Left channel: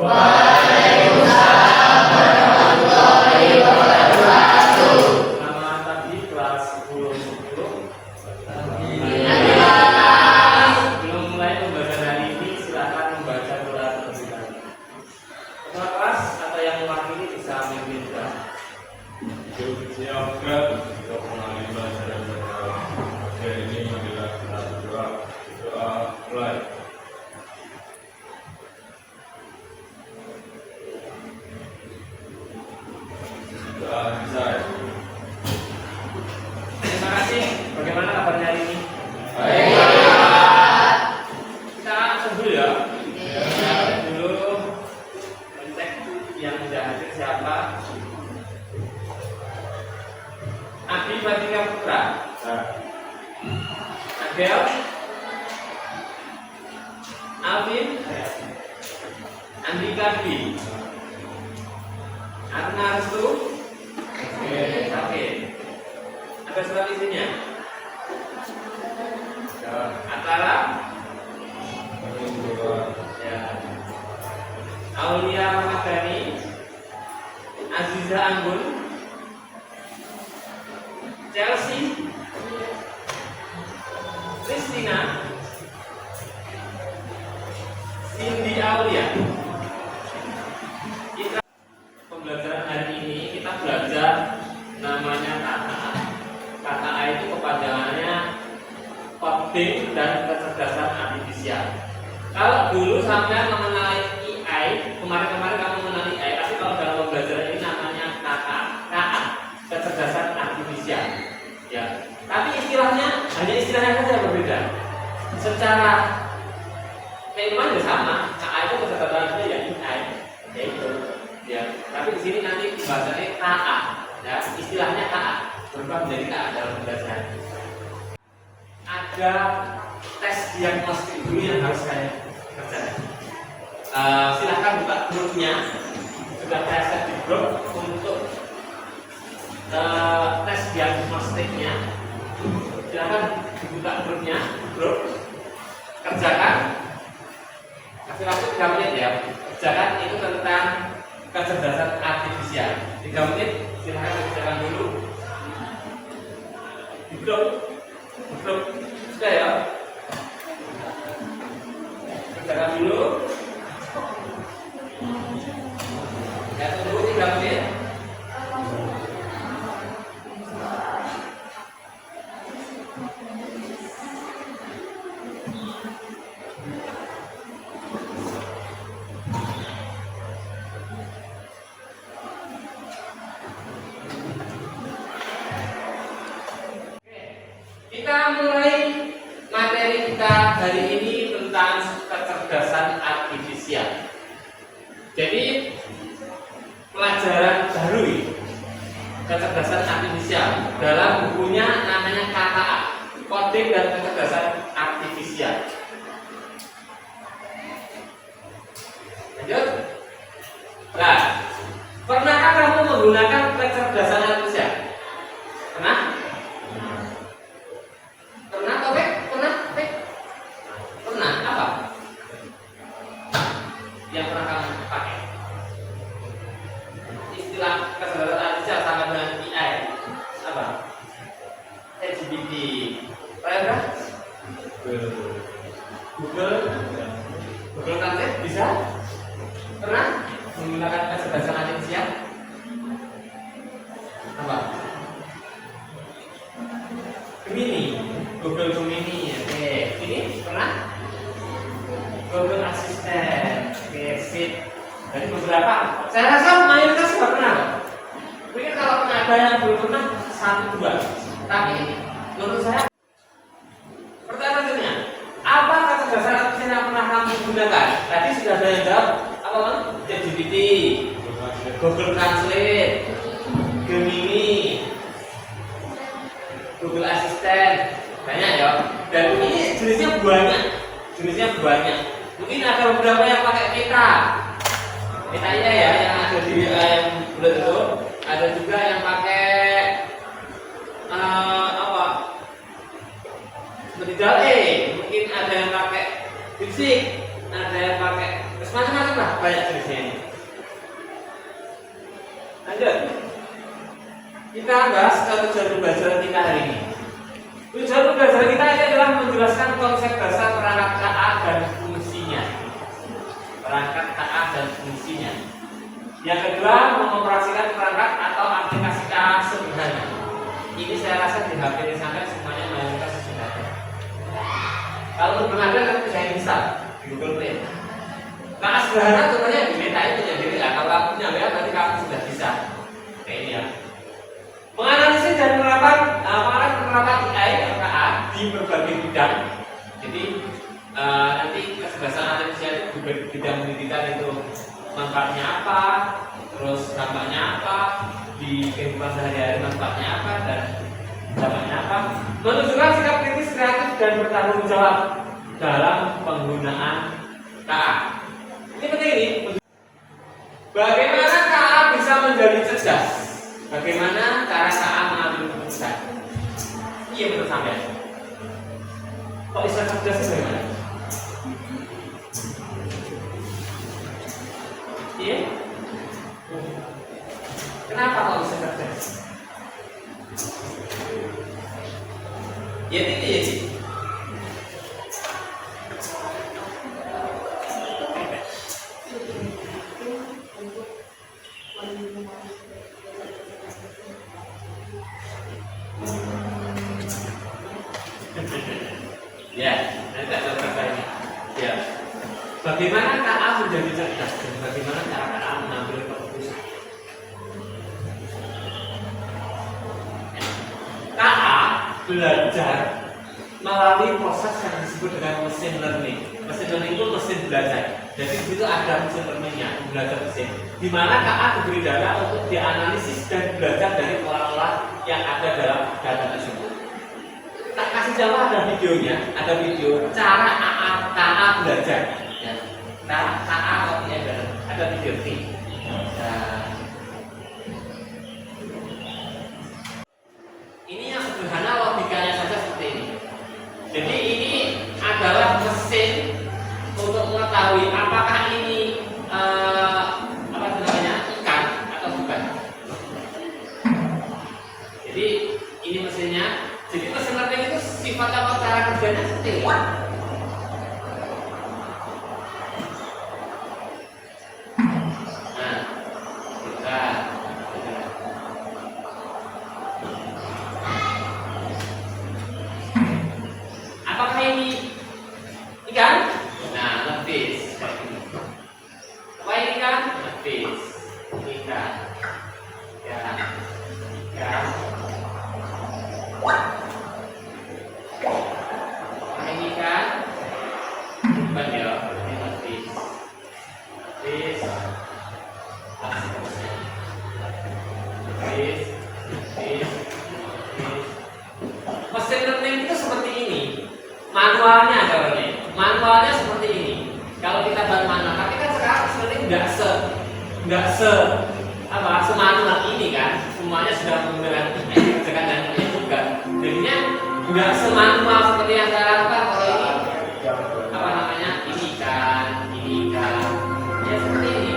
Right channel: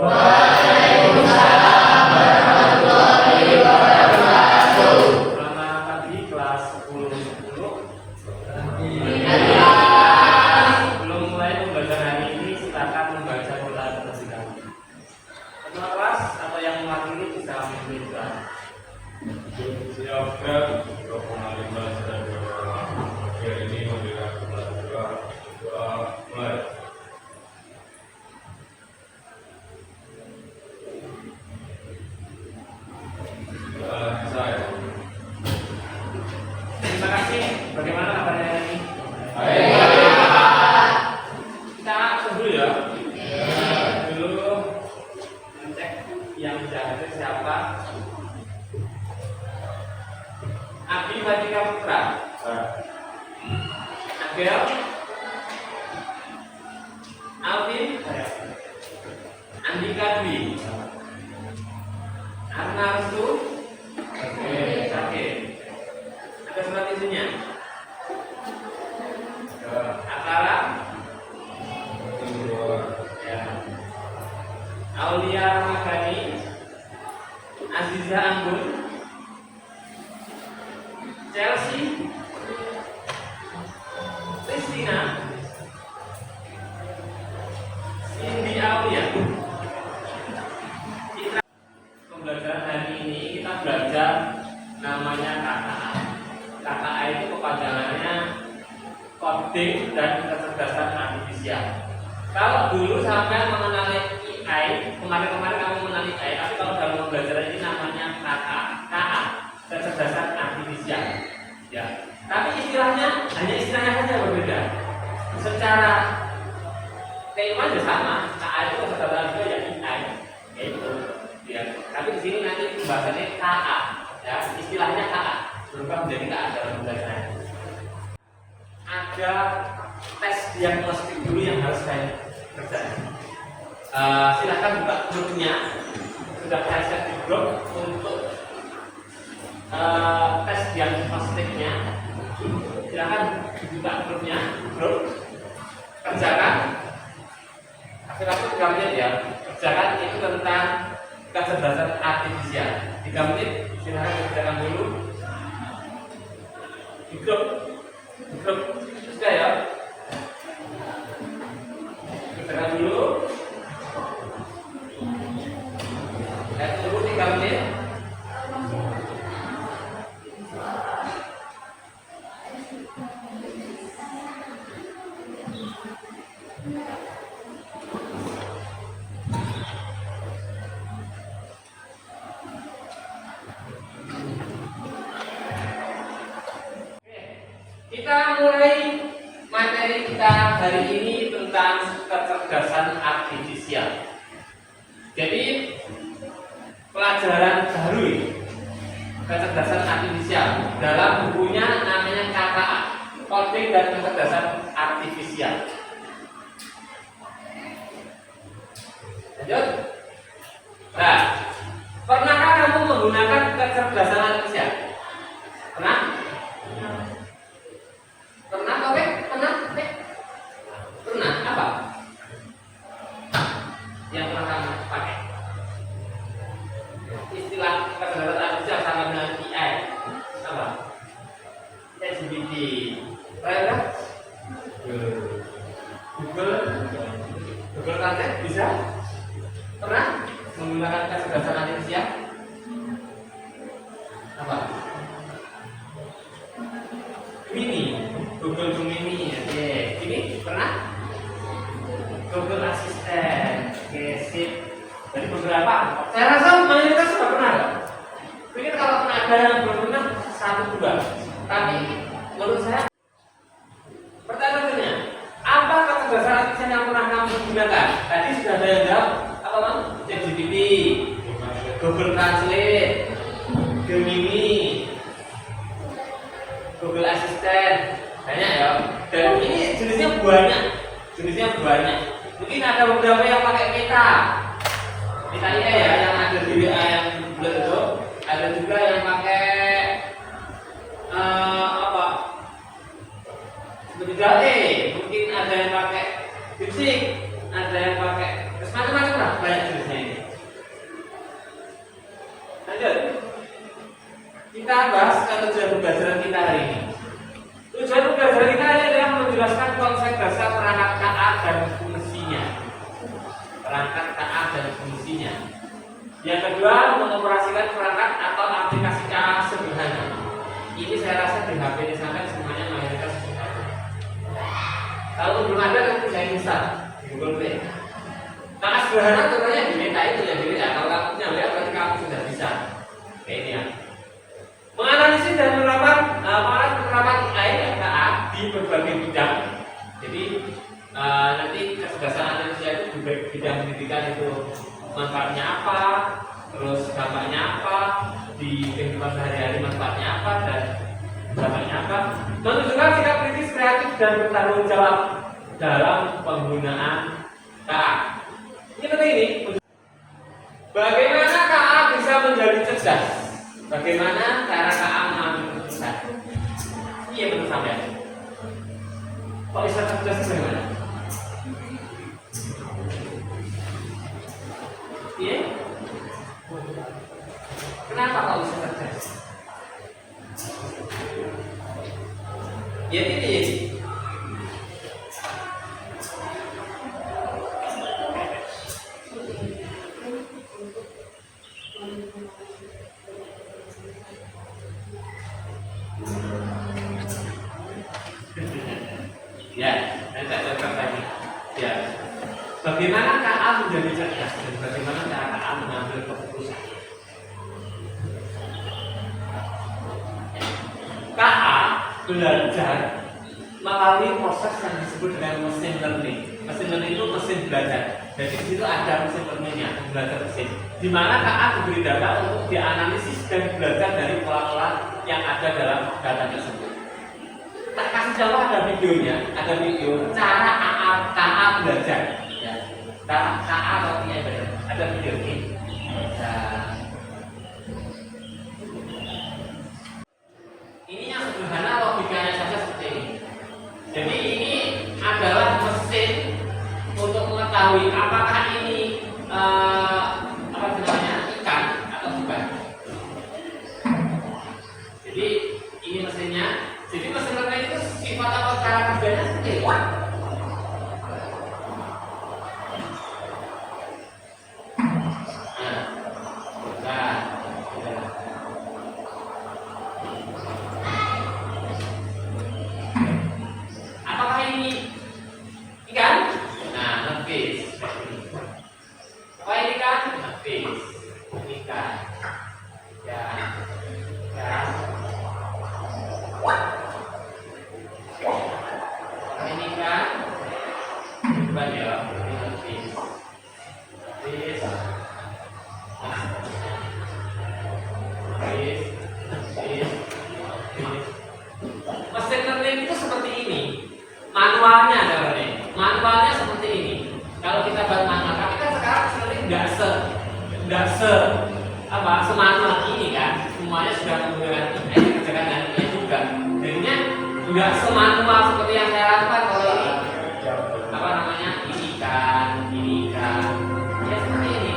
Waalaikumsalam warahmatullahi wabarakatuh. Nama tadi kelas 10. Sebelum mulai pembelajaran hari ini, silakan membaca doa terlebih dahulu. Semua kelas atau yang mewakili bisa memimpin doa. Siapkan untuk mengalami pelajaran doa. Hari ini memberikan kita berdoa. Doa mulai. Doa saya. Terima kasih. Bagaimana kabarnya hari ini? Baik. Kita langsung dulu ya. Dulu mencek yang sudah hadir siapa? Abi Batika Putra, Agel, Alvin, Andika Dwi, Arna Restu, Sakit. Ada surat isinya? Akara, ya. Aulia Ramadhani, Aziza Anggun, Chelsea, Christina, Cindy Aulia. Pembelajaran hari ini kita belajar namanya KKA. KKA itu kepanjangannya coding dan kecerdasan artifisial. Kalau dulu sampai mengenali AI, kemarin-kemarin kamu mengenali AI, tapi kalau dalam pembelajaran ini namanya KKA, kecerdasan artifisial. Ya, tapi istilahnya hanya istilahnya saja berbeda. Secara tema juga sama. KA itu kecerdasan artifisial ya AI, yaitu ya. Tapi di sini nanti pembahasannya KA, ya, istilahnya KA berubah menjadi KA dalam pembelajaran. Ada tes diagnostik dulu yang harus saya kerjakan. Silahkan buka grupnya. Sudah saya set di grup untuk tes diagnostiknya. Silahkan buka grupnya, grup kerjakan. Kasih waktu 3 menit ya. Kerjakan itu tentang kecerdasan artifisial. 3 menit, silahkan kerjakan dulu di grup. Sudah ya. Kerjakan dulu. Saya tunggu 3 menit. Kita mulai materi kita hari ini tentang kecerdasan artifisial. Jadi pelajaran baru ini, kecerdasan artifisial dalam bukunya namanya KKA, coding dan kecerdasan artifisial. Lanjut. Nah, pernahkah kamu menggunakan kecerdasan artifisial? Pernah? Pernah, Topik? Pernah? Pernah? Apa? Yang pernah kamu pakai? Istilah kecerdasan artifisial sama dengan AI. Apa? ChatGPT. Pernah? Google Translate bisa? Pernah menggunakan kecerdasan artifisial? Apa? Gemini, Google Gemini, oke. Ini pernah? Google Assistant, oke, sip. Jadi beberapa, saya rasa mayoritas sudah pernah. Mungkin kalau ada yang belum pernah 1-2, tapi menurut saya. Pertanyaannya, apa kecerdasan artifisial yang pernah kamu gunakan? Tadi sudah ada yang jawab, apa bang? ChatGPT, Google Translate, Gemini, Google Assistant, banyak ya. Dan ini jenisnya banyak. Mungkin ada beberapa yang pakai Meta ya, yang ada di WA yang bulat itu. Ada juga yang pakai apa? Seperti Dall-E. Mungkin ada yang pakai DeepSeek, ada yang pakai Terus macam-macam lah banyak jenisnya ini. Lanjut. Kita bahas tujuan pembelajaran kita hari ini. Tujuan pembelajaran kita ini adalah menjelaskan konsep dasar perangkat KA dan fungsinya. Perangkat KA dan fungsinya. Yang kedua, mengoperasikan perangkat atau aplikasi KA sederhana. Ini saya rasa di HP ini sampai semuanya mayoritas sudah ada. Kalau belum ada, kamu bisa install di Google Play. KA sederhana contohnya di Meta itu jadi kalau kamu punya WA berarti kamu sudah bisa. Kayak ini ya. Menganalisis dan penerapan AI KA di berbagai bidang. Jadi nanti kecerdasan artifisial itu di bidang pendidikan itu manfaatnya apa, terus dampaknya apa, di kehidupan sehari-hari manfaatnya apa dan dampaknya apa. Menunjukkan sikap kritis, kreatif dan bertanggung jawab dalam penggunaan KA. Ini penting ini. Bagaimana KA bisa menjadi cerdas? Bagaimana cara KA mengambil keputusan? Iya menurut saya. Kok bisa cerdas itu bagaimana? Iya? Kenapa kok bisa cerdas? Ya ini. Ya, nanti ada katanya. Ya, bagaimana KA menjadi cerdas dan bagaimana cara KA mengambil keputusan? KA belajar melalui proses yang disebut dengan mesin learning. Mesin learning itu mesin belajar. Jadi di situ ada mesin learningnya, belajar mesin. Di mana KA diberi data untuk dianalisis dan belajar dari pola-pola yang ada dalam data tersebut. Tak kasih contoh ada videonya, ada video cara KA belajar. Ya, cara KA atau ada video ini. Ini yang sederhana logikanya saja seperti ini. Jadi ini adalah mesin untuk mengetahui apakah ini apa namanya ikan atau bukan. Jadi ini mesinnya. Jadi mesin learning itu sifat atau cara kerjanya seperti ini. Apakah ini ikan? Nah, ngefish. Apa ini ikan? Ngefish. Ikan. Ya. Ya. Ini kan bukan ya, ini habis mesin learning itu seperti ini manualnya adalah ini manualnya seperti ini. Kalau kita buat manual, tapi kan sekarang mesin learning nggak semanual ini kan, semuanya sudah menggunakan kerjakan dan ini juga jadinya nggak semanual seperti yang saya lakukan kalau ini apa namanya ini kan ya seperti ini.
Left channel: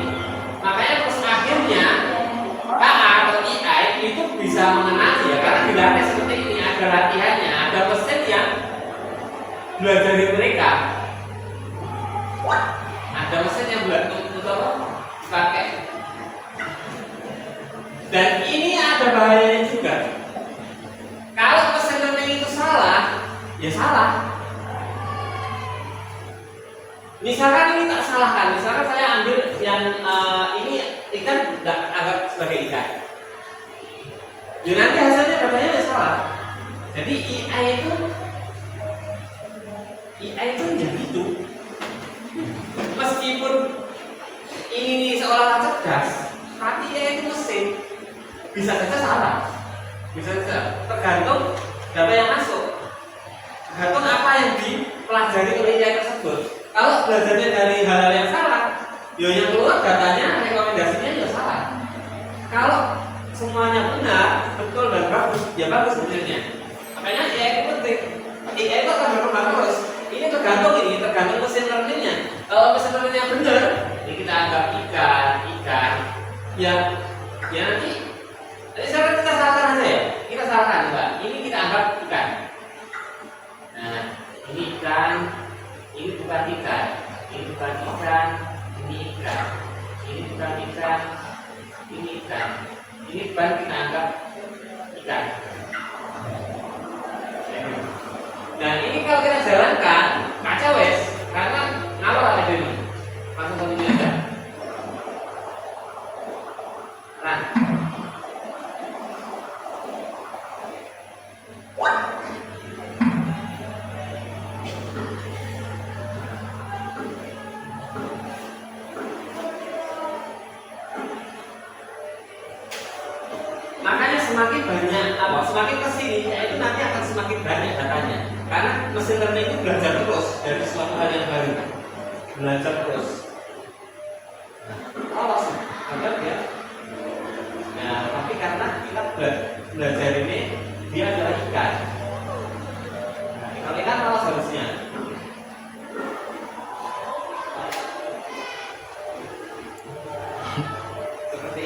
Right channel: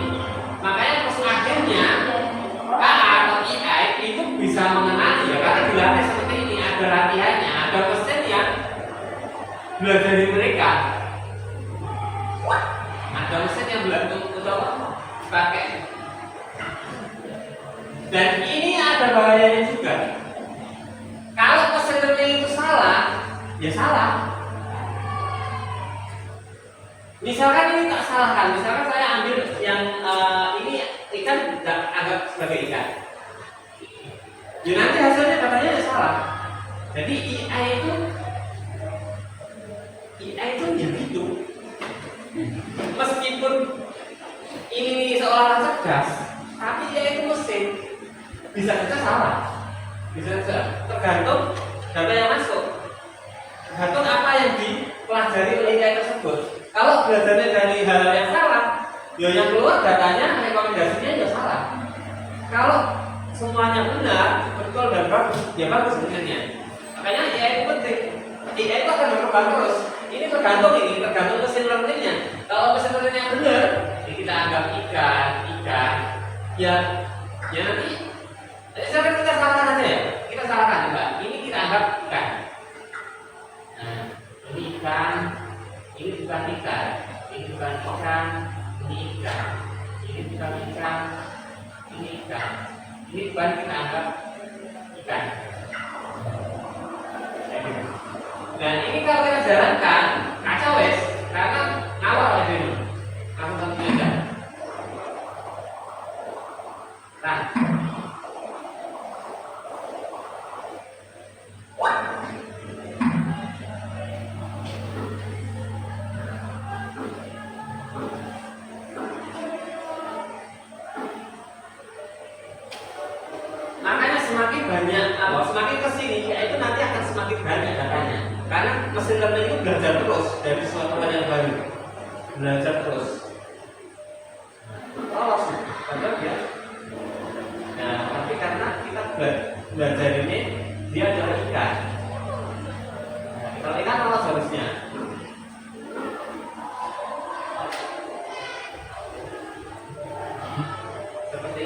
Makanya terus akhirnya KA atau AI itu bisa mengenali ya karena dilatih seperti ini, ada latihannya, ada mesin yang belajar dari mereka, ada mesin yang belajar untuk pakai. Dan ini ada bahayanya juga. Kalau mesin learning itu salah, ya salah. Misalkan ini tak salahkan, misalkan saya ambil yang ini ikan agak sebagai ikan. Ya nanti hasilnya katanya ya salah. Jadi AI itu ya gitu. Meskipun ini seolah-olah cerdas, tapi AI itu mesin. Bisa saja salah, bisa saja tergantung data yang masuk, tergantung apa yang dipelajari oleh AI tersebut. Kalau belajarnya dari hal-hal yang salah, ya yang keluar datanya, rekomendasinya ya salah. Kalau semuanya benar, betul dan bagus, ya bagus sebenarnya. Makanya AI itu penting. AI itu akan berkembang terus. Ini tergantung mesin learningnya. Kalau mesin learning yang benar, Ya, ya nanti saya kita salahkan aja ya. Kita salahkan coba. Ini kita anggap ikan. Nah, ini ikan. Ini bukan ikan. Ini bukan ikan. Ini ikan. Ini bukan ikan. Ini ikan. Ini bukan kita anggap ikan. Dan ini kalau kita jalankan kacau wes, karena ngawal oleh dulu. Langsung satu juta. Nah, makanya semakin banyak semakin kesini, itu nanti akan semakin banyak datanya. Karena mesin learning itu belajar terus dari suatu hal yang baru, belajar terus. Lolos, benar ya. Nah, tapi karena kita belajar ini dia adalah ikan. Nah, kalau ikan lolos harusnya. Seperti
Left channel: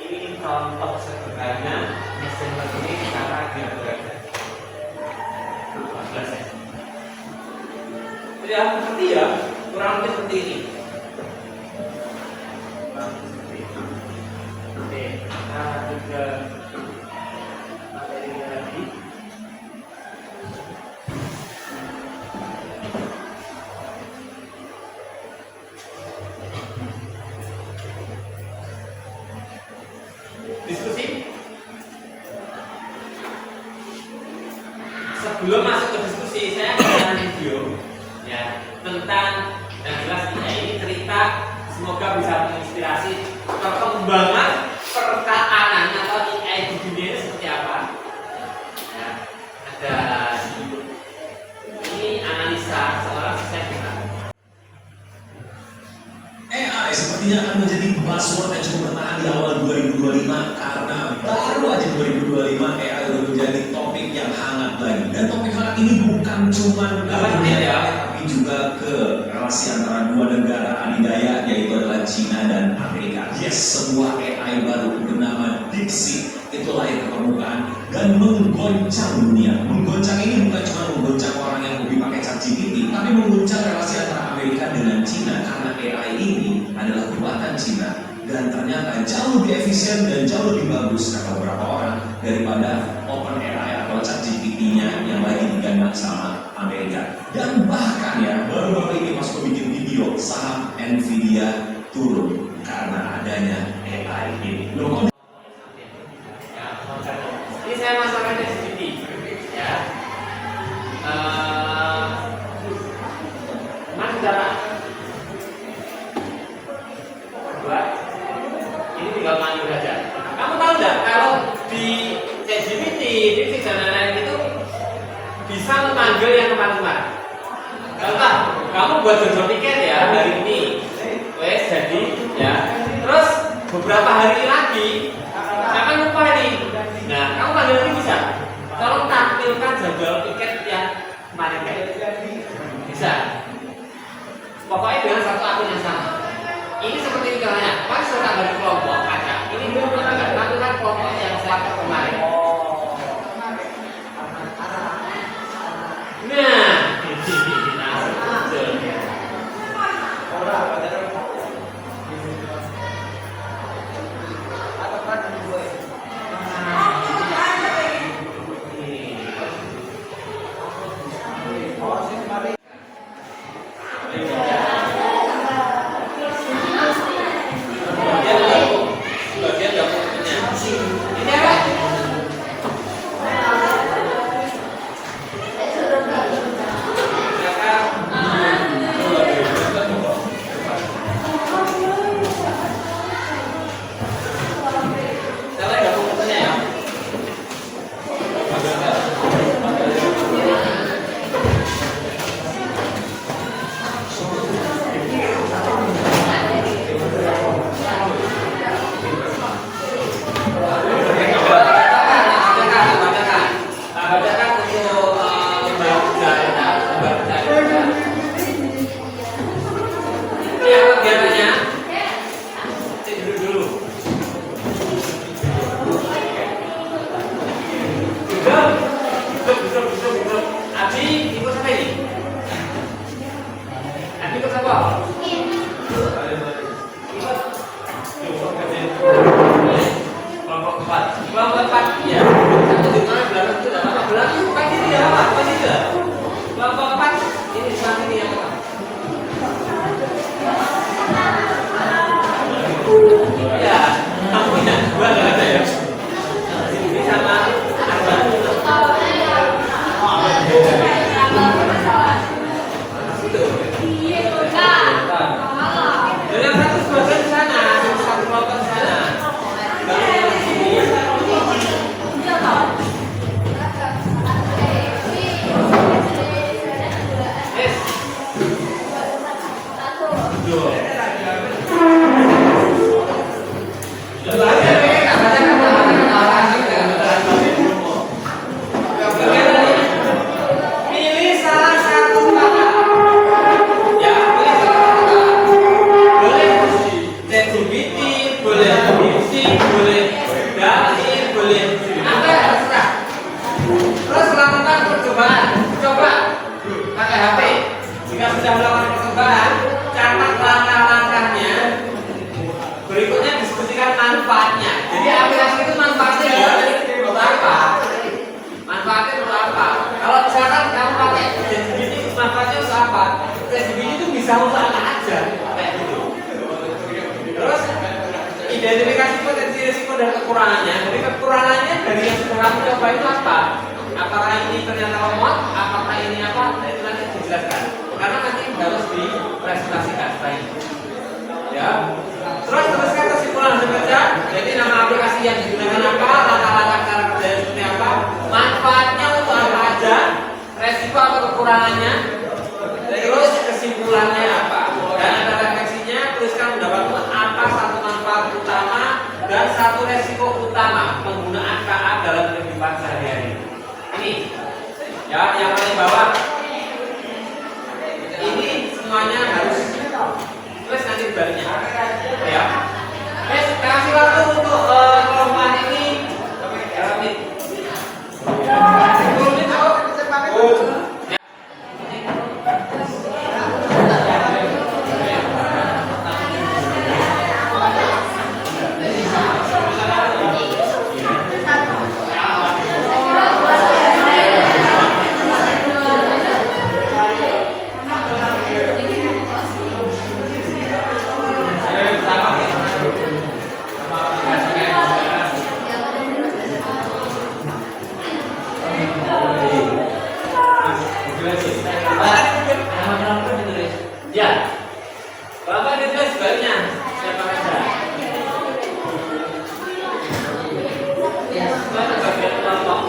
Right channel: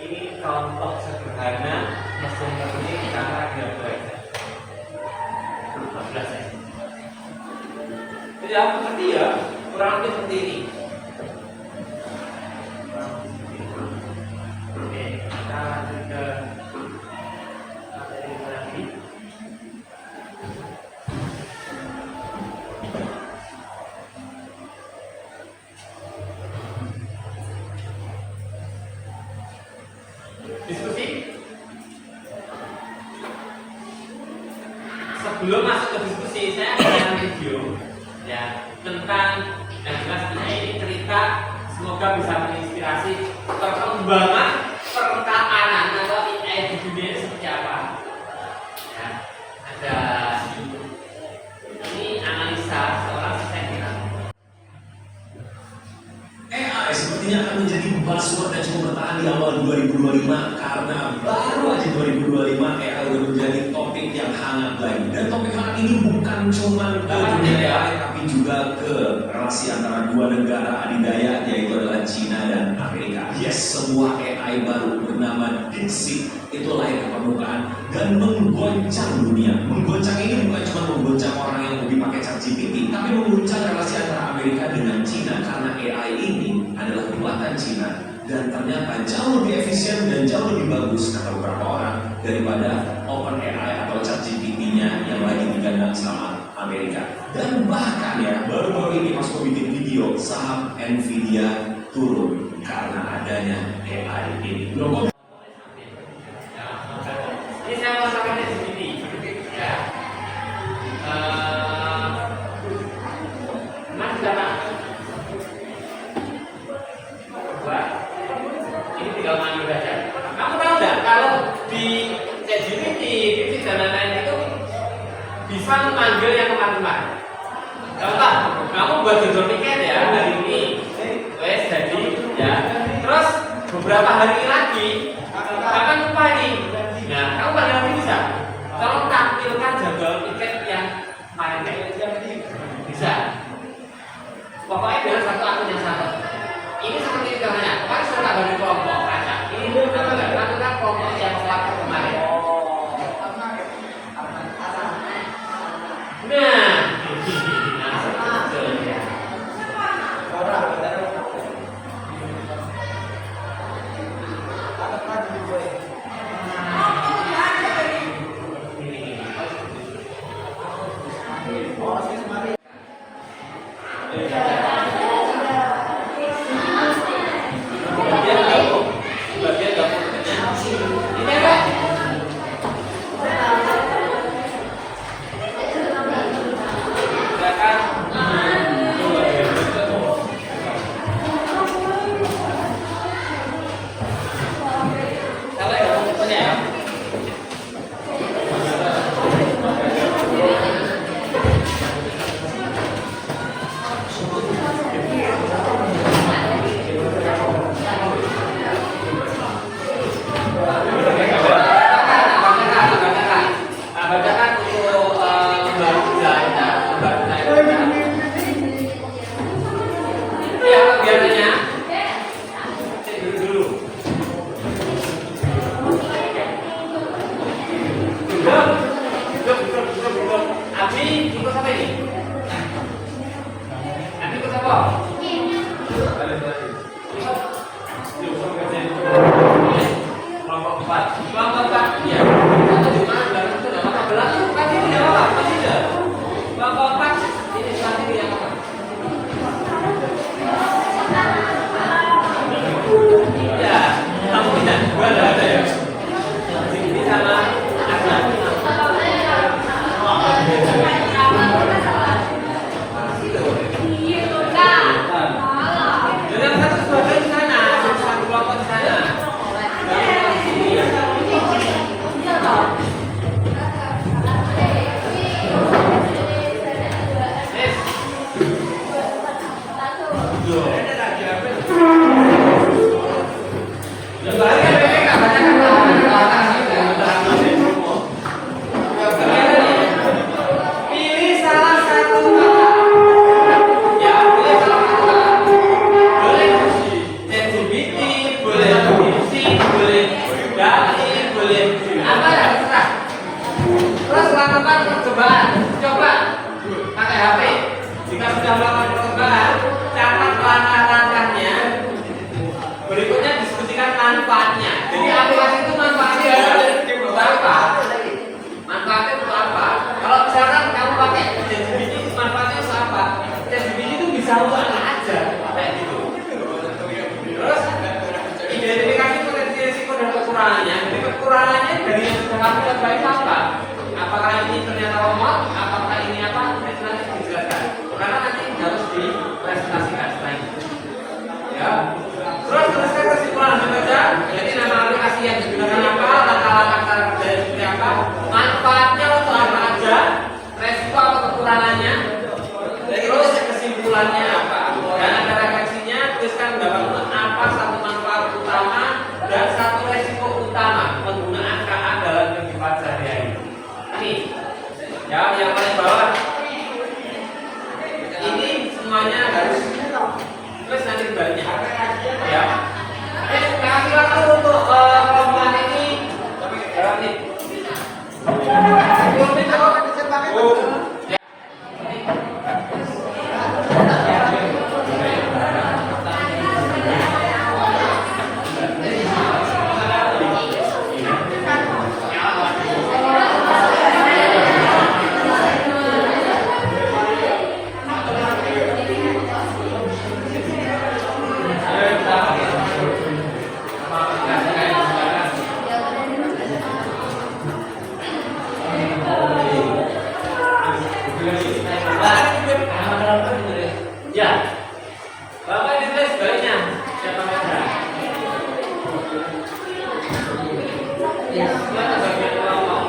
ini contoh sederhana mesin learning cara dia belajar. 14 ya. Jadi aku seperti ya, kurang lebih seperti ini. Oke, kita lanjut ke materi lagi. Diskusi. Sebelum masuk ke diskusi, saya akan video ya tentang yang jelas ini cerita, semoga bisa menginspirasi perkembangan perkapanan atau AI di dunia ini seperti apa. Ya, ada ini analisa seorang desainer. AI sepertinya akan menjadi buzzword yang cukup bertahan di awal 2025 karena baru aja 2025 AI udah menjadi topik yang hangat lagi. Dan topik hangat ini bukan cuma dunia AI tapi juga ke relasi antara dua negara adidaya yaitu adalah China dan Amerika. Yes, sebuah AI baru bernama DeepSeek itu lahir ke permukaan dan menggoncang dunia. Menggoncang ini bukan cuma menggoncang orang yang hobi pakai ChatGPT, tapi menggoncang relasi antara Amerika dengan China karena AI ini adalah buatan China dan ternyata jauh lebih efisien dan jauh lebih bagus kata beberapa orang daripada OpenAI atau ChatGPT-nya yang lagi digandang sama Amerika. Dan bahkan ya baru-baru ini masuk bikin video saham Nvidia turun karena adanya AI ini. Ini saya masalahnya sedikit ya. Mas Dara, buat ini tinggal maju saja. Kamu tahu nggak kalau di ChatGPT, di dan lain-lain itu bisa memanggil yang kemarin-kemarin. Contoh, kamu buat jadwal tiket ya hari ini, wes jadi ya. Terus beberapa hari lagi, akan lupa nih. Nah, kamu panggil lagi bisa. Tolong tampilkan jadwal tiket yang kemarin bisa. Pokoknya dengan satu akun yang sama. Ini seperti itu ya. Pas sudah dari kelompok kaca. Ini tampilkan kelompok yang selama kemarin. Nah, Ini sebelah kiri yang apa? Ya, kamu yang dua nggak ada ya? Ini sama ada. Yang satu sebelah sana, satu kelompok sana. Pilih salah satu kata. Ya, pilih salah satu kata. Boleh LGBT, boleh BBC, boleh dali, boleh apa ya terserah. Terus melakukan percobaan. Coba pakai HP. Jika sudah melakukan percobaan, catat langkah-langkahnya. Berikutnya diskusikan manfaatnya. Jadi aplikasi itu manfaatnya adalah apa? Manfaatnya untuk apa? Kalau misalkan kamu pakai ChatGPT, manfaatnya untuk apa? ChatGPT itu bisa untuk apa aja, kayak gitu. Terus identifikasi potensi risiko dan kekurangannya. Jadi kekurangannya dari yang sekarang coba itu apa? Apakah ini ternyata lemot? Apakah ini apa? Nah, itu nanti dijelaskan. Karena nanti harus dipresentasikan setelah itu. Ya. Terus tuliskan kesimpulan hasil kerja. Jadi nama aplikasi yang digunakan apa? Langkah-langkah kerja seperti apa? Manfaatnya untuk apa aja? Resiko atau kekurangannya? Terus kesimpulannya apa? Dan ada refleksinya. Tuliskan pendapatmu apa satu manfaat utama dan satu resiko utama penggunaan KA dalam kehidupan sehari-hari. Ini ya yang paling bawah. Ini semuanya harus terus nanti baliknya ya. Kasih waktu untuk kelompok ini dalam menit. 10 menit kok. Ya. Ya, Bapak ditulis sebaliknya. Siapa saja? Ya, silakan bagian kelompok.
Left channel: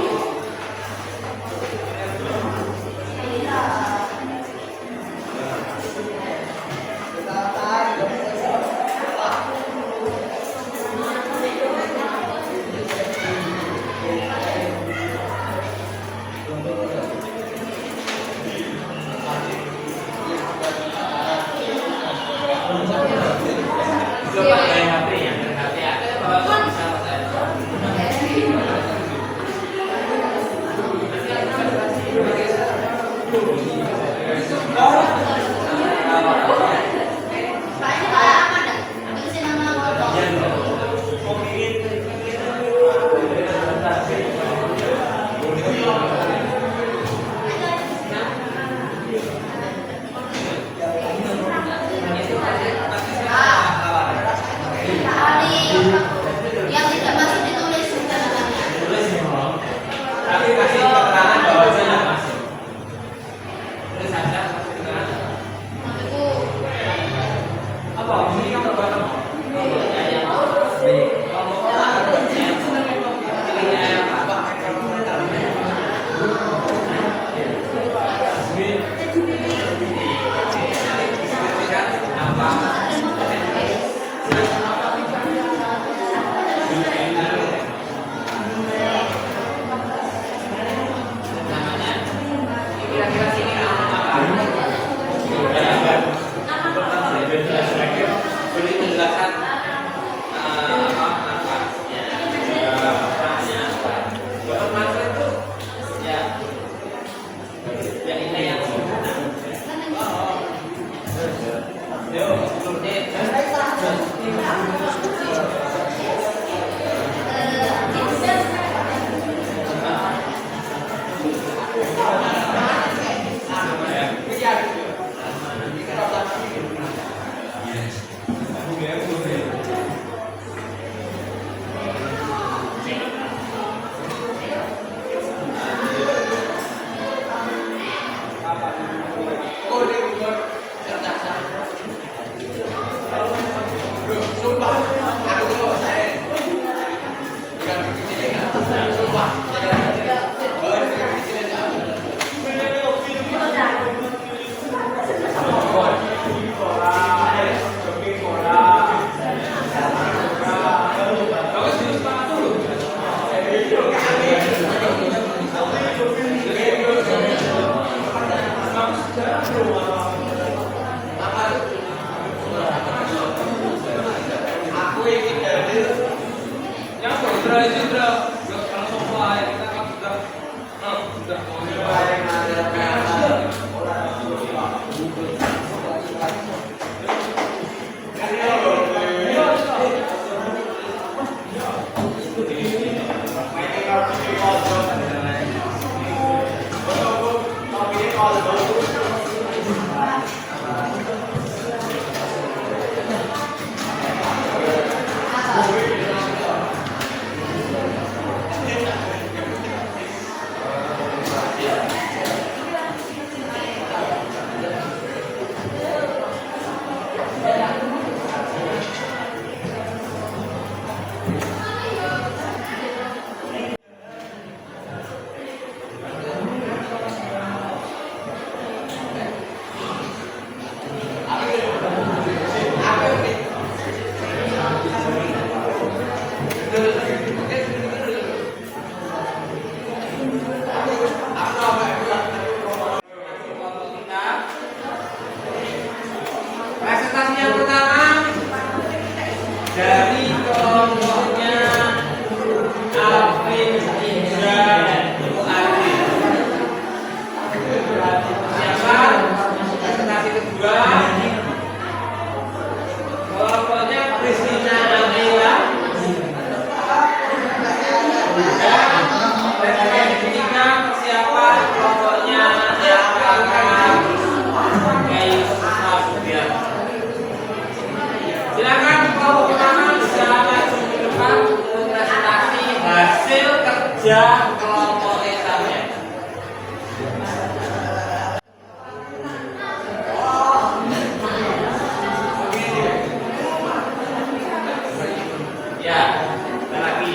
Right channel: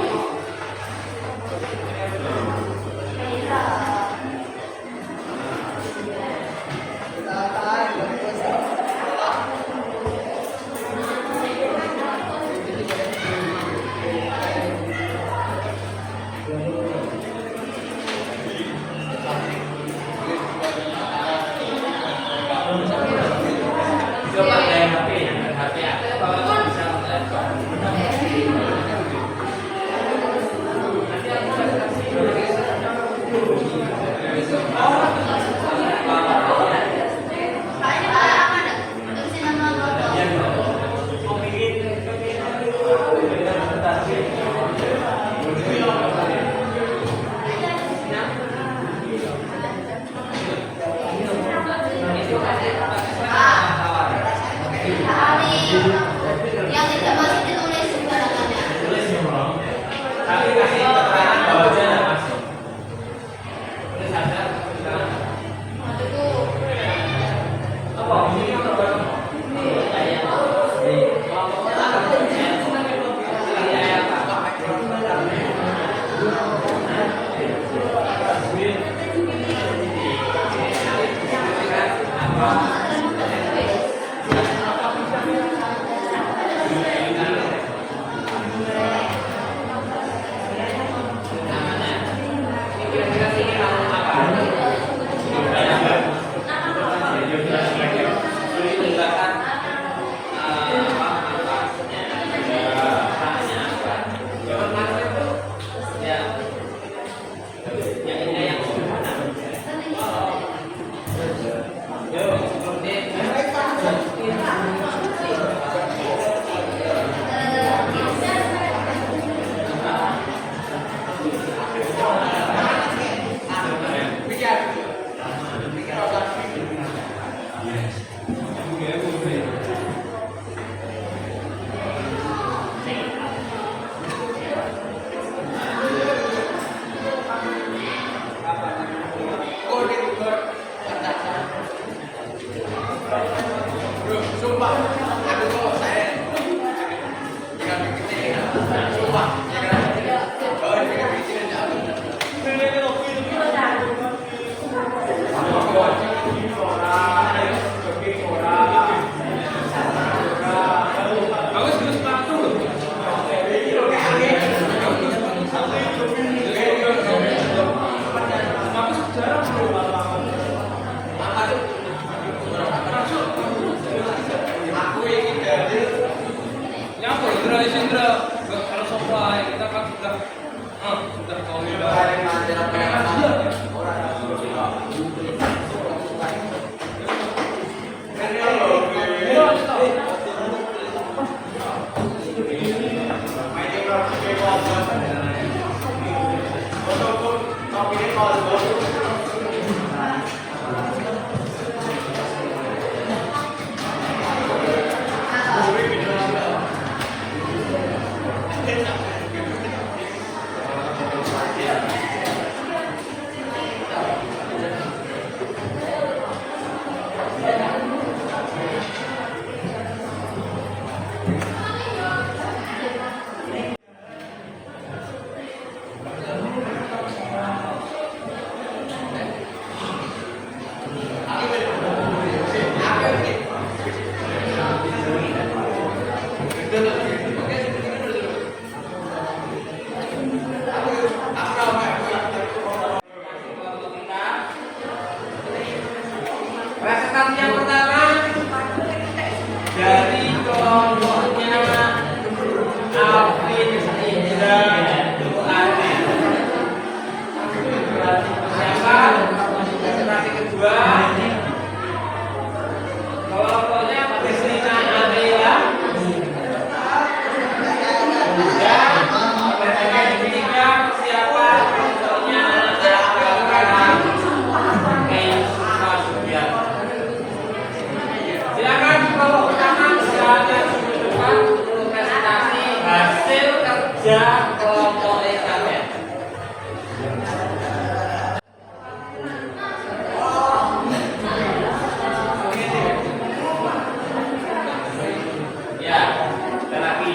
Presentasi yang pertama dari kelompoknya Alvin Indra Bu Adi. Siapa? Presentasi kedua kelompoknya Kristina Amela. Dan presentasi ketiga persiapan kelompoknya silakan kelompok pertama bisa maju ke depan untuk presentasi hasil kerja kelompok eksamen. Ya, kita lagi.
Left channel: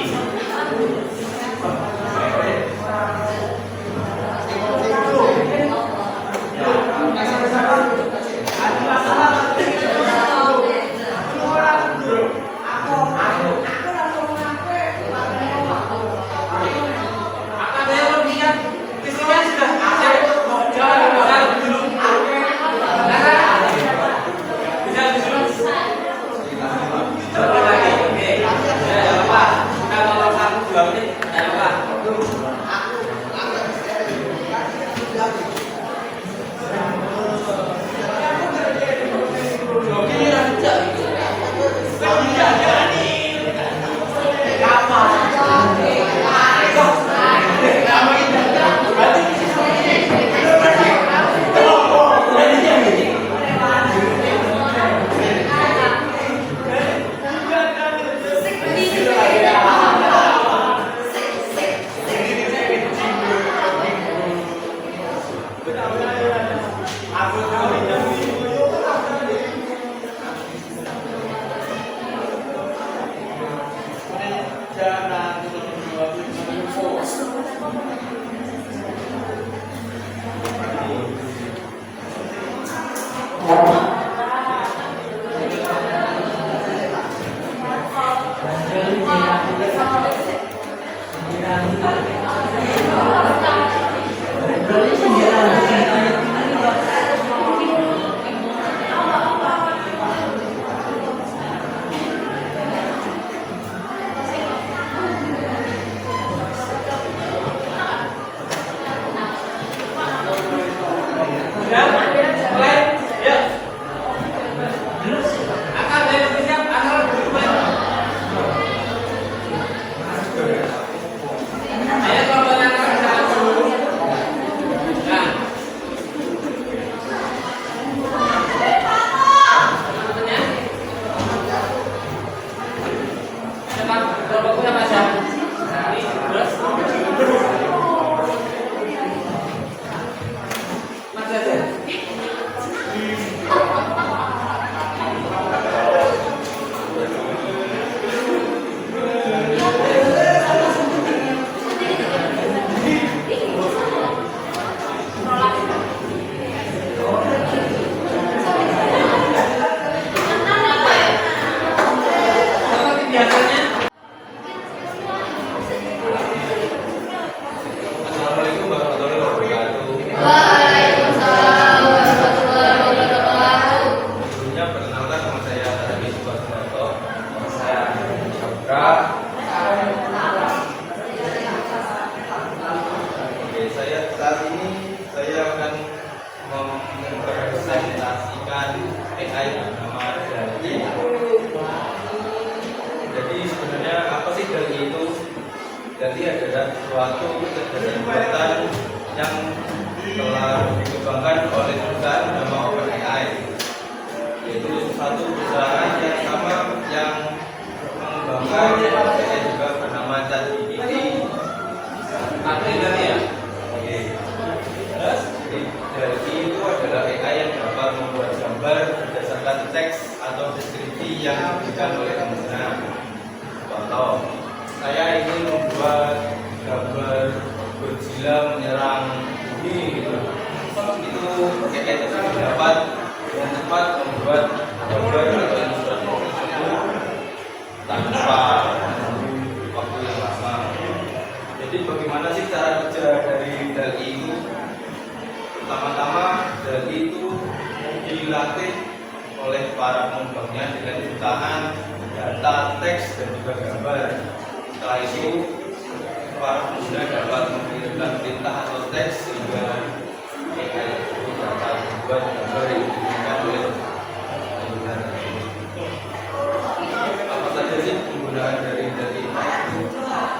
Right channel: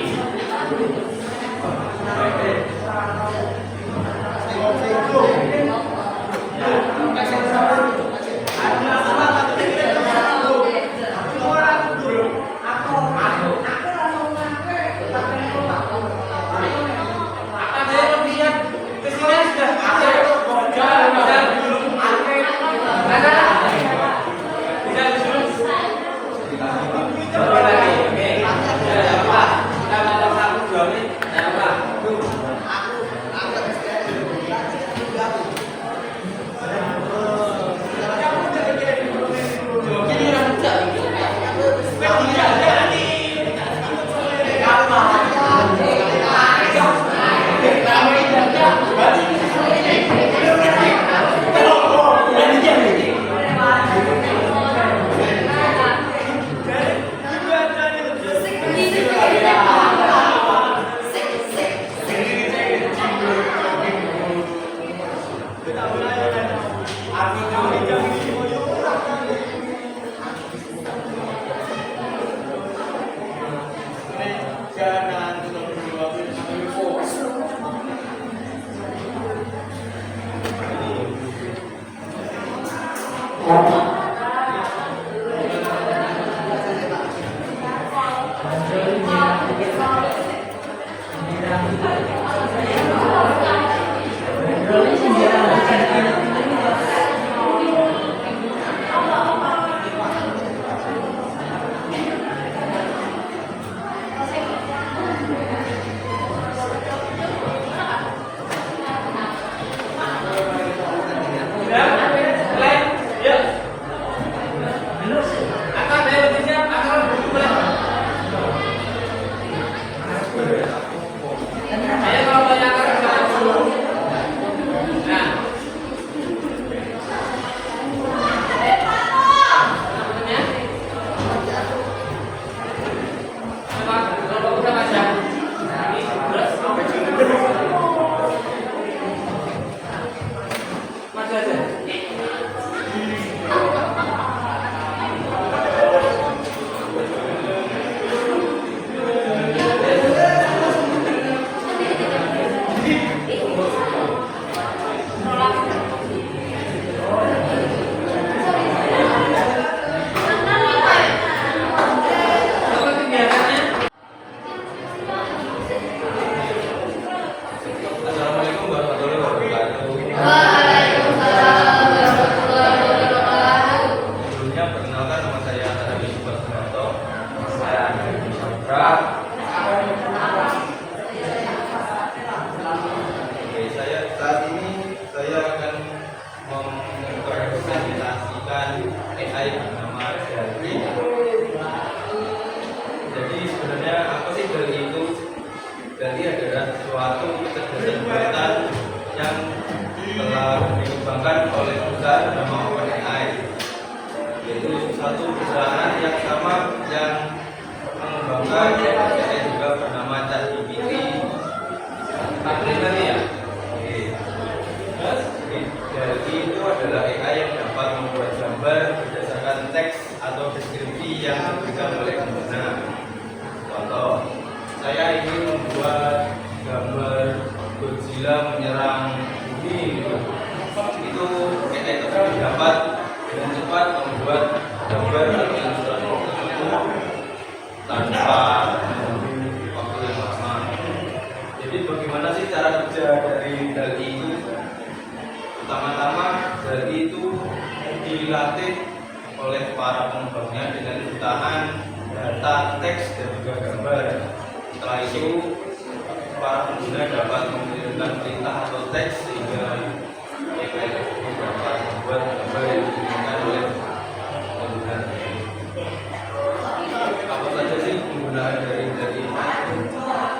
mempresentasikan AI bernama DALL-E. Jadi sebenarnya apa sih DALL-E itu? DALL-E adalah suatu kecerdasan buatan yang telah dikembangkan oleh perusahaan bernama OpenAI, yaitu suatu perusahaan yang sama yang mengembangkan AI juga bernama ChatGPT. Oke. Jadi DALL-E itu adalah AI yang dapat membuat gambar berdasarkan teks atau deskripsi yang diberikan oleh pengguna. Contoh, saya ingin membuat gambar Godzilla menyerang bumi gitu. Itu AI tersebut dapat dengan cepat membuat gambar atau ilustrasi tersebut tanpa menunggu waktu yang lama. Jadi bagaimana sih cara kerja dari DALL-E itu? Pertama-tama DALL-E itu dilatih oleh para pengembangnya dengan jutaan data, teks, dan juga gambar. Setelah itu para pengguna dapat mengirimkan perintah atau teks sehingga AI tersebut dapat membuat gambar yang diinginkan oleh pengguna tersebut. Apa saja sih penggunaan dari DALL-E itu?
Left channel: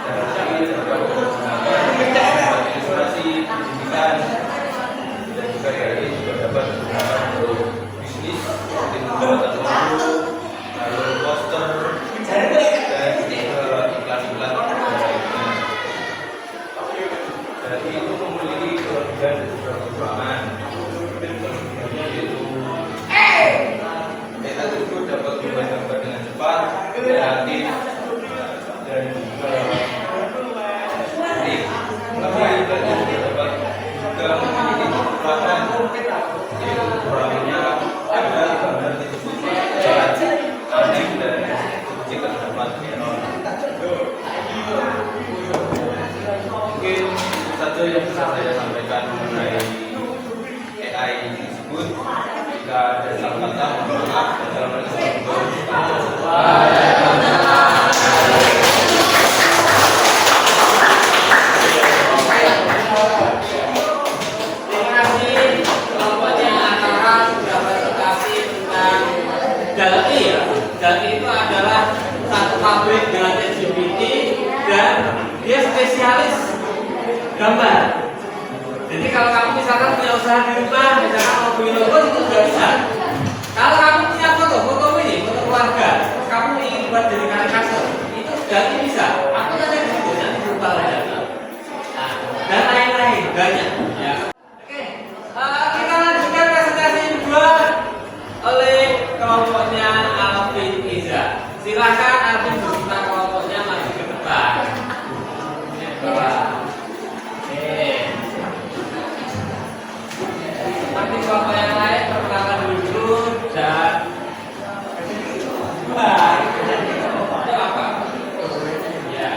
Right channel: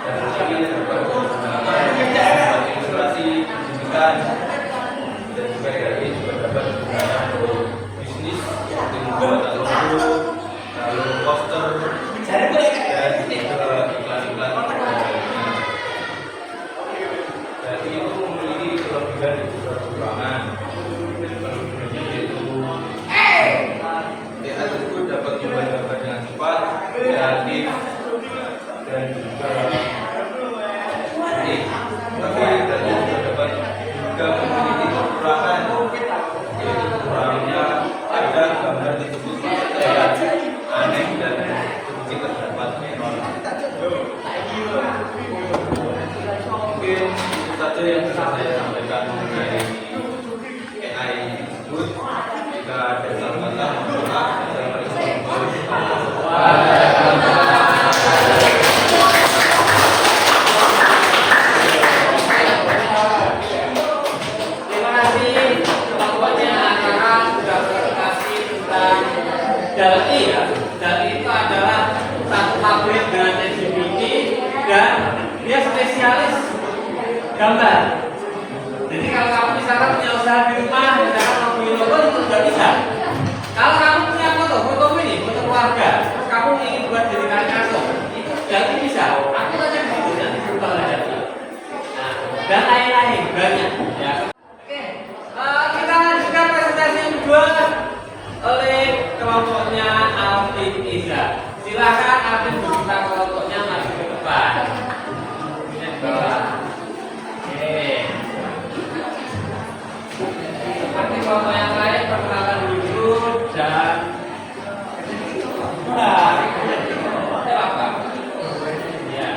DALL-E dapat digunakan membuat ilustrasi pendidikan, dan juga DALL-E juga dapat digunakan untuk bisnis seperti membuat logo, lalu poster, dan juga iklan-iklan lainnya. DALL-E itu memiliki kelebihan dan juga kekurangan. Kelebihannya yaitu AI tersebut dapat membuat gambar dengan cepat, kreatif, dan juga unik. Tapi DALL-E juga dapat juga memiliki kekurangan, yaitu kurangnya ada gambar tersebut sangat aneh dan sedikit terdapat error. Mungkin itu saja yang bisa saya sampaikan mengenai AI tersebut. Jika ada salah kata, mohon maaf. Assalamualaikum warahmatullahi wabarakatuh. Terima kasih kelompoknya anak-anak sudah presentasi tentang DALL-E ya. DALL-E itu adalah satu pabrik dengan ChatGPT dan dia spesialis gambar. Jadi kalau kamu misalkan punya usaha di rumah, misalkan mau bikin logo itu juga bisa. Kalau kamu punya foto ini, foto keluarga, terus kamu ingin buat jadi karikatur, itu DALL-E bisa. Aku saja di situ nanti berubah DALL-E. Nah, dan lain-lain banyak. Ya. Oke, kita lanjutkan presentasi kedua oleh kelompoknya Alvin Iza. Silakan Alvin beserta kelompoknya maju ke depan. Oke. Seperti kelompok yang lain, perkenalkan dulu dan apa? Ya.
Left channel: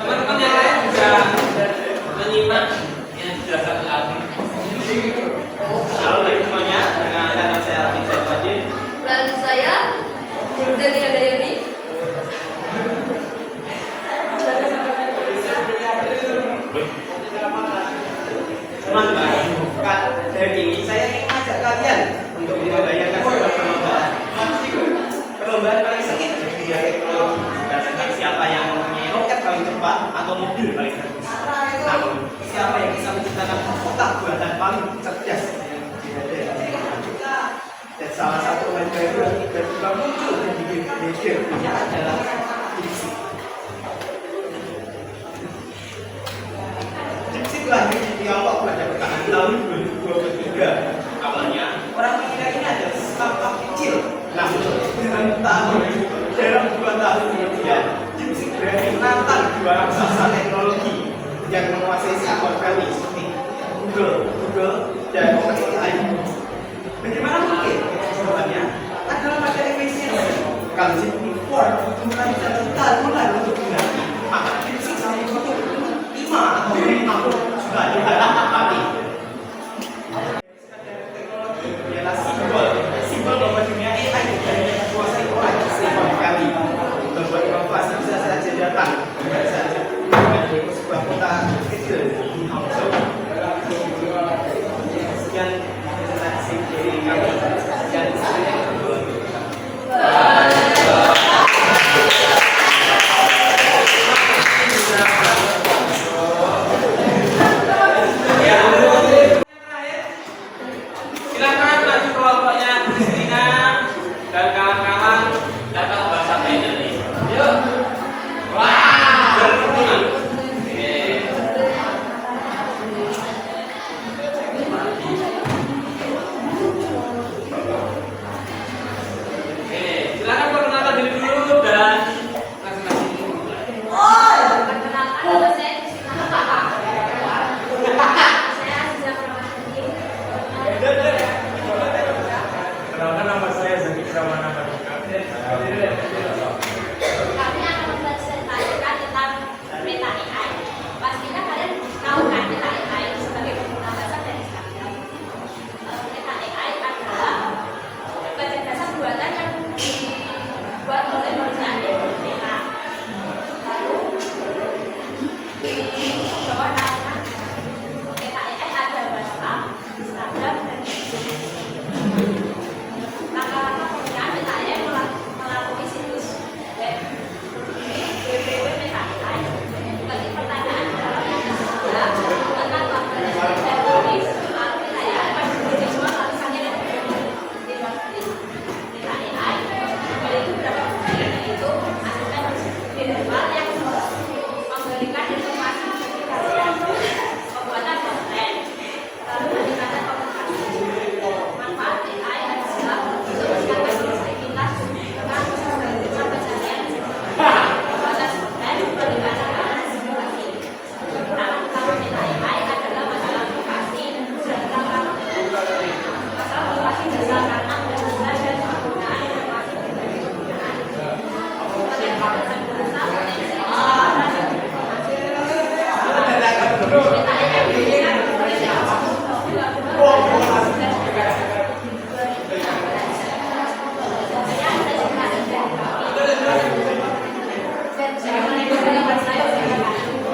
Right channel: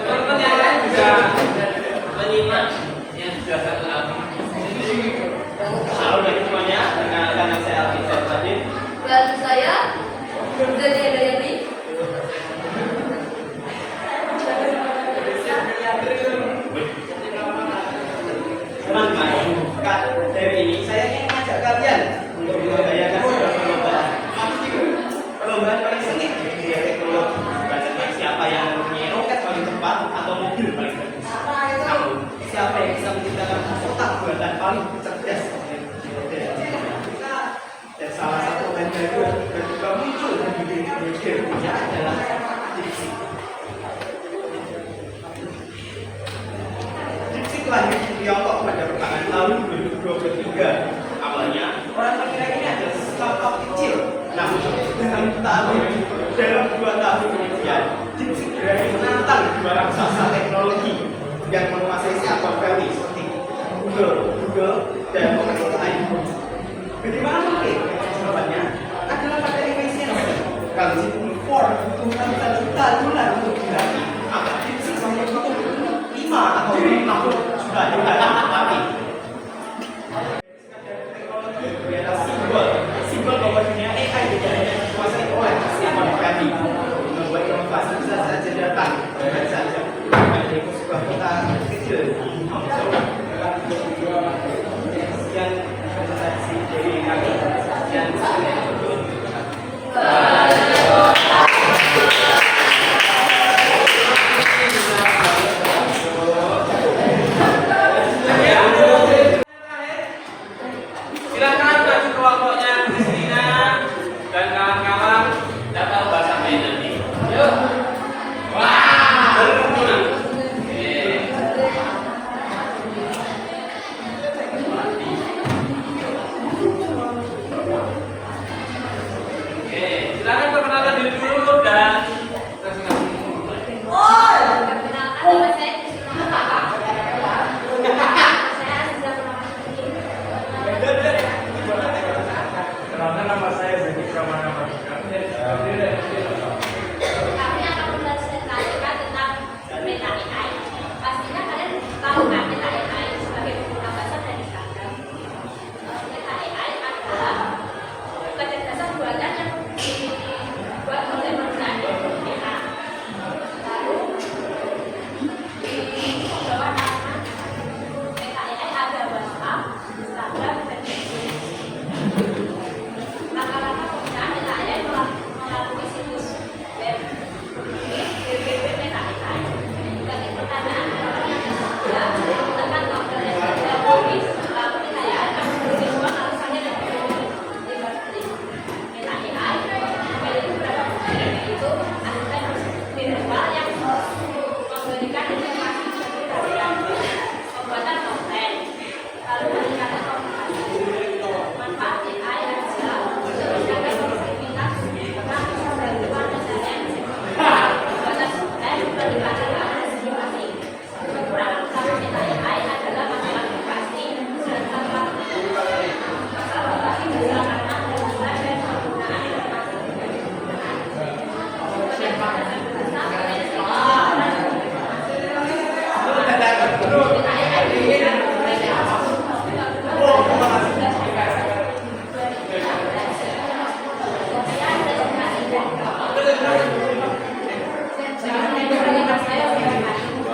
Teman-teman yang lain bisa menyimak yang sudah satu album. Halo bagi semuanya, dengan nama saya Alvin Iza. Dan saya Delia Dayani. Teman-teman, dari ini saya ingin mengajak kalian untuk membayangkan sebuah perlombaan. Perlombaan paling sengit di dunia teknologi, bukan tentang siapa yang mempunyai roket paling cepat atau mobil paling bagus, namun siapa yang bisa menciptakan otak buatan paling cerdas. Dan salah satu bahan baru yang tiba-tiba muncul dan bikin dunia adalah DeepSeek. DeepSeek lahir di Tiongkok pada pertengahan tahun 2023. Awalnya orang mengira ini adalah startup kecil, namun dengan tahun dalam 2 tahun kemudian DeepSeek berani menantang 2 raksasa teknologi yang menguasai Silicon Valley seperti Google, dan OpenAI. Bagaimana mungkin? Jawabannya adalah pada efisiensi. Kalau GPT-4 butuh ratusan juta dolar untuk dilatih, maka DeepSeek hanya butuh 5 atau 6 juta dolar. Tapi teknologi ialah simbol bahwa dunia AI tidak hanya dikuasai oleh siapa asisten virtual yang memberikan informasi bagi kalian pembuatan konten. Lalu meningkatkan komunikasi. Manfaat AI adalah untuk meningkatkan produktivitas dengan pembuatan pencarian pembuatan konten, peningkatan administrasi. Kekurangan kapasitas AI adalah masalah privasi serta masalah privasi dasar karena penggunaan dan penggunaan informasi pribadi penggunaan. Peningkatan bahasa potensi penyimpanan informasi.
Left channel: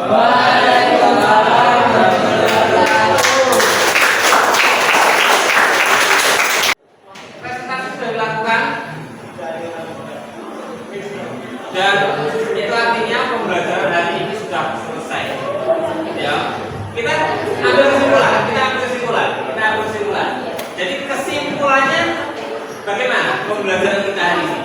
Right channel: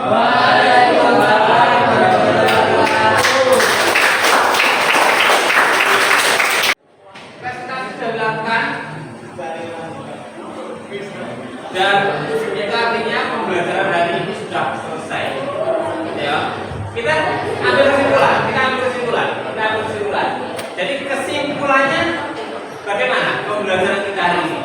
Presentasi sudah dilakukan dan itu artinya pembelajaran hari ini sudah selesai. Ya, kita ambil kesimpulan. Jadi kesimpulannya bagaimana pembelajaran kita hari ini?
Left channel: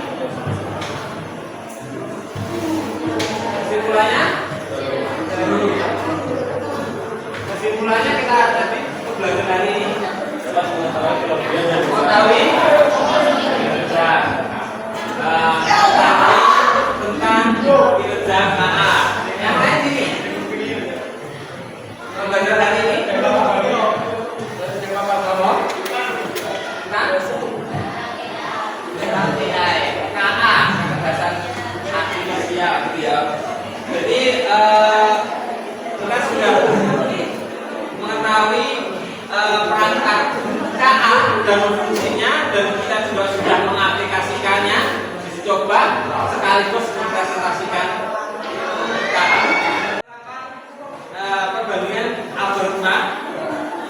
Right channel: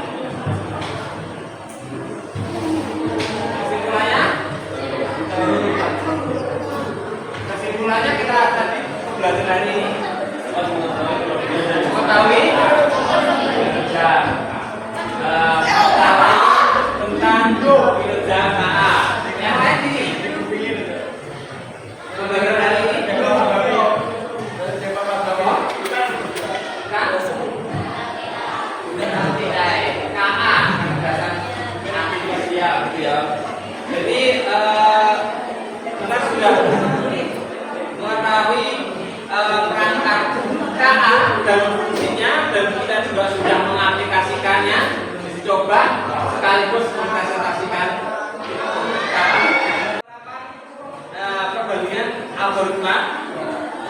Kesimpulannya kita tadi pembelajaran hari ini mengetahui tentang kinerja KA. Yang lain ini pembelajaran hari ini KA, kecerdasan artifisial, gitu ya. Jadi kita sudah mengetahui perangkat KA dan fungsinya, dan kita juga sudah mengaplikasikannya. Coba sekaligus mempresentasikan KA. Perbandingan algoritma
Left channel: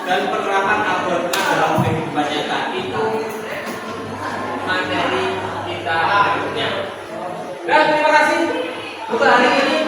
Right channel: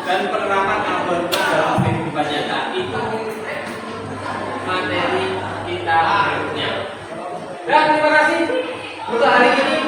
dan penerapan algoritma dalam kehidupan nyata itu materi kita berikutnya. Dan terima kasih untuk hari ini.